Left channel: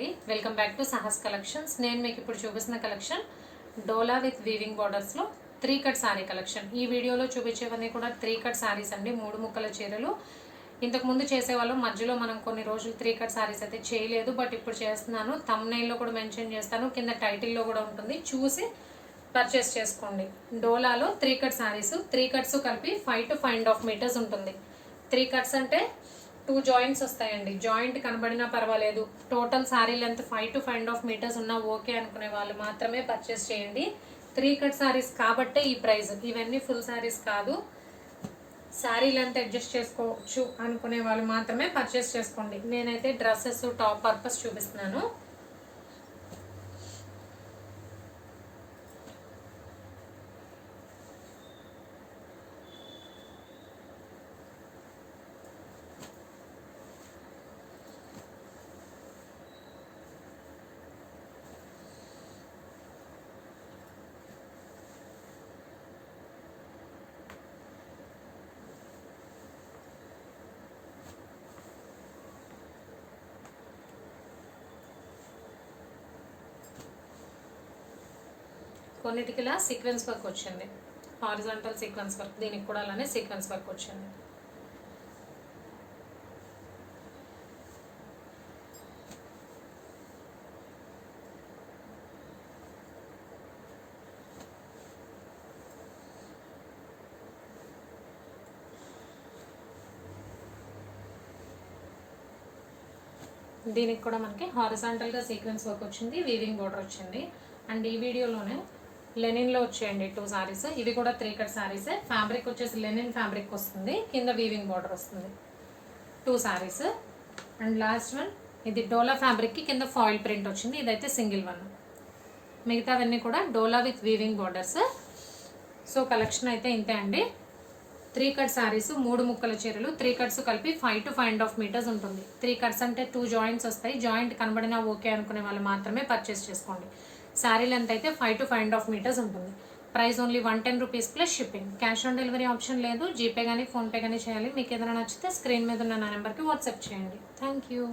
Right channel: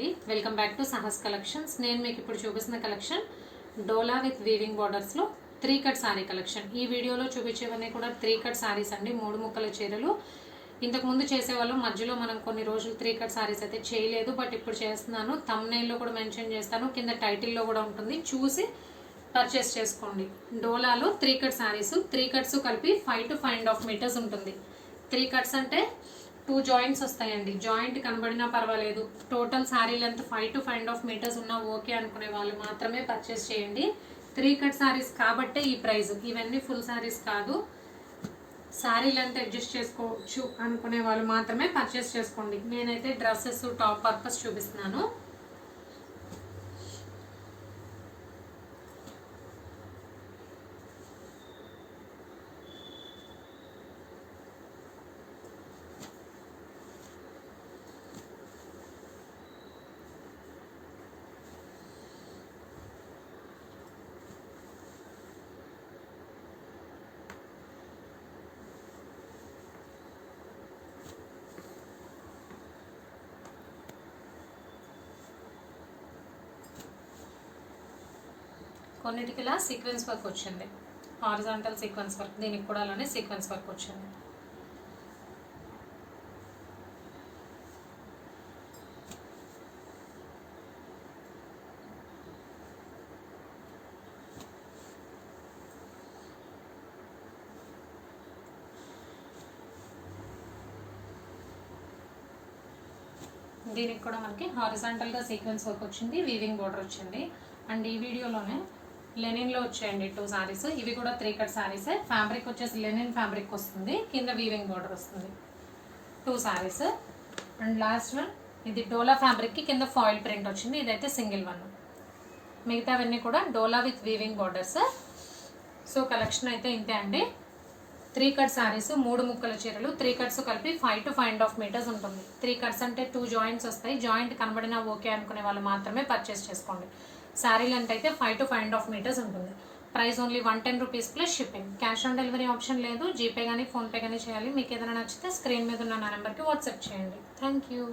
అండి, welcome back to Sahas collections. నేను మీకు ఇప్పుడు చూపిస్తున్న collection dola with weaving borders లో 3 కట్ సారీ కలెక్షన్. ఈ వీడియోలో చూపించేవన్నీ కూడా 3 కట్ సారీస్ అండి, 3 ముక్కల చీరలు. ఇంతకు ముందు చేసేవాళ్ళు, మధ్యలో మనం కొన్ని రోజులు 3 కట్ సారీస్ అయితే చేయలేదు, బట్ ఇప్పుడు చేస్తున్నాను. థంబ్నెయిల్లో కూడా మెన్షన్ చేస్తాను, కింద టైటిల్లో కూడా ఉంటుంది, చూసి పర్చేస్ చేసుకోండి. డోలాలో 3 కట్ సారీస్, 3 కట్స్ కలిపి 5 to 5.5 మీటర్స్ ఉంటుంది. 3 కట్స్ అంటే 2 జాయింట్స్ వస్తాయండి. జాయింట్ కనబడినా పర్వాలేదు, total sari length 5 to 5.5 meters ఉన్నా ఓకే అనుకునే వాళ్ళు మాత్రమే పర్చేస్ చేయండి. 3 కట్ శారీస్ కాబట్టే ఈ ప్రైస్. ఇవన్నీ ఫుల్ శారీస్ కాదు, శారీ లెంత్ అడ్జస్ట్ చేసుకోవచ్చు అనుకునే వాళ్ళు మాత్రమే పర్చేస్ చేసుకోండి. నేనైతే డ్రెస్సెస్, టాప్ పర్పస్ చూపిస్తున్నాను. కొన్నిటికి ఇలా సీక్వెన్స్ వర్క్ వచ్చింది, హారిజాంటల్ సీక్వెన్స్ వర్క్, దీనికి కూడా అలానే సీక్వెన్స్ వర్క్ వచ్చింది. దీనికి కూడా మనకి హారిజాంటల్గా సీక్వెన్స్ వర్క్ వచ్చింది, వీవింగ్ బోర్డర్ వచ్చింది. అండ్ ఈ వీడియోలోనే లెనిన్లో వచ్చాయండి 2 సారీస్. ఇవి కూడా 3 కట్ సారీసే. ఫ్యాబ్రిక్ వచ్చేసి లెనిన్ ఫ్యాబ్రిక్ వస్తుంది, కింద వీవింగ్ బోర్డర్ వస్తుంది. 2 సారీస్. అండ్ లాస్ట్ వన్ ఇది డోలా ఫ్యాబ్రిక్కి కింద ఫాయిల్ ప్రింట్ వచ్చింది, ఇదైతే సింగిల్ వన్. మిగతావన్నీ కూడా డోలా with weaving borders. So collection అయితే ఇంతే అండి. 3 కట్ సారీస్, 3 ముక్కల చీరలు, 3 కట్స్ కలిపి 5 to 5.5 మీటర్స్ ఉంటుంది. 3 కట్స్ అంటే 2 జాయింట్స్ వస్తాయి. జాయింట్ కనబడినా ఓకే అనుకునే వాళ్ళు మాత్రమే పర్చేస్ చేసుకోండి. శారీ లెంత్ అయితే 5 to 5.5 మీటర్స్ ఉంటుంది. Price only 110 rupees plus shipping. Cash on delivery option లేదు, జీపే కానీ ఫోన్పే కానీ చేయాలి. మీకు ఏదైనా నచ్చితే స్క్రీన్ మీద ఉన్న నా నెంబర్కి వాట్సాప్ చేయండి. Thank you.